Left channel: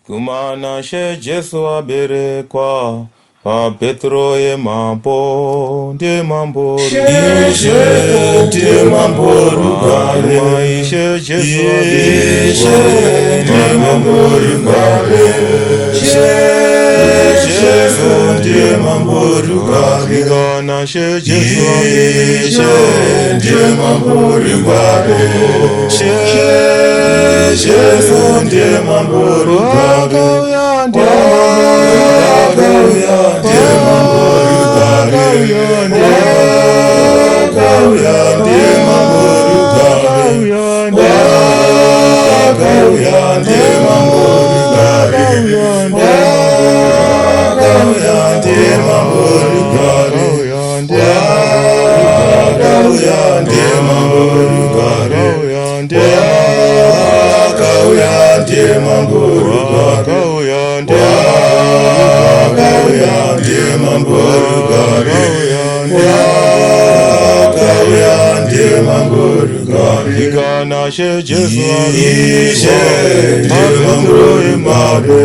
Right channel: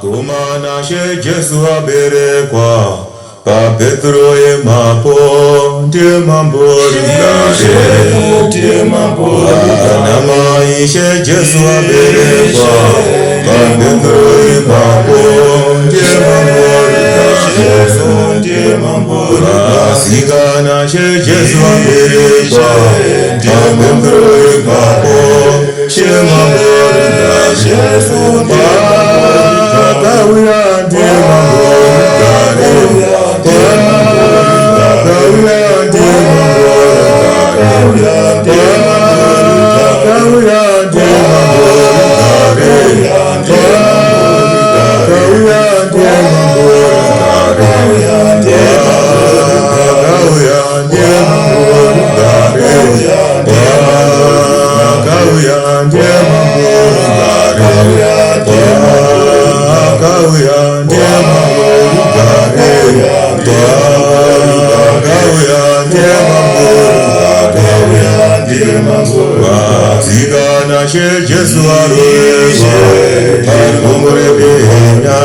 Kumana she Jesu aberekwa pa Petro e mapo tie mambori tie mambori nama ishe Jesu aberekwa pa Petro e mapo tie mambori sikana she Jesu aberekwa pa Petro e mapo tie mambori tie Jesu arishe, mambori hamya,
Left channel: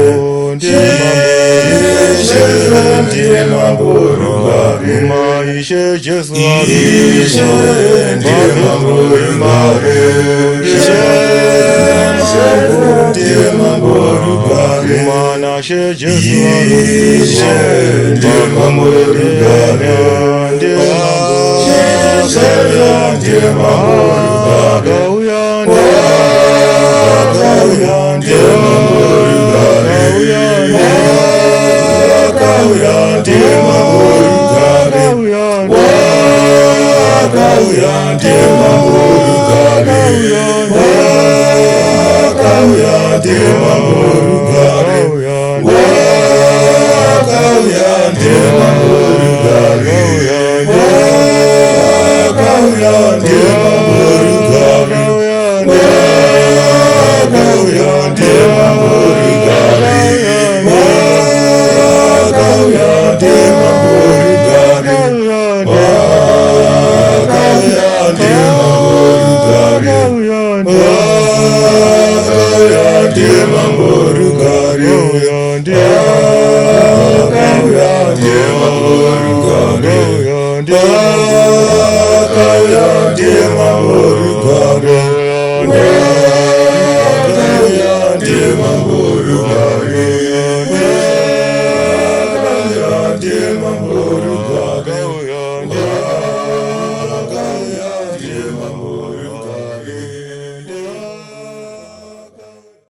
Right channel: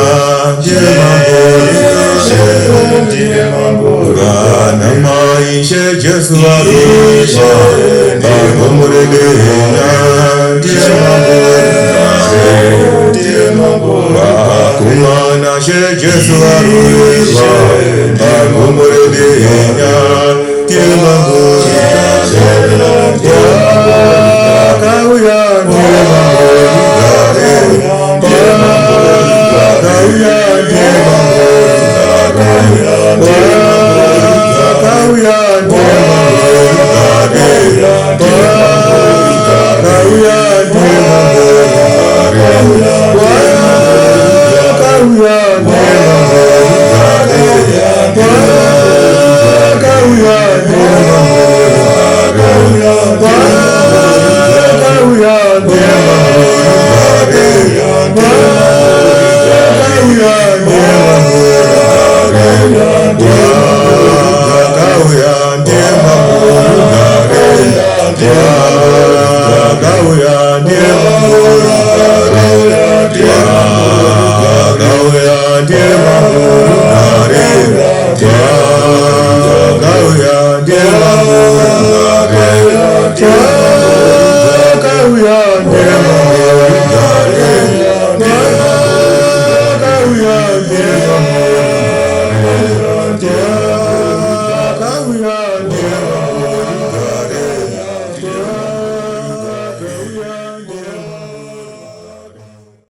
namaishe Jesu arishe, mambori hamya, kumana she Jesu arishe.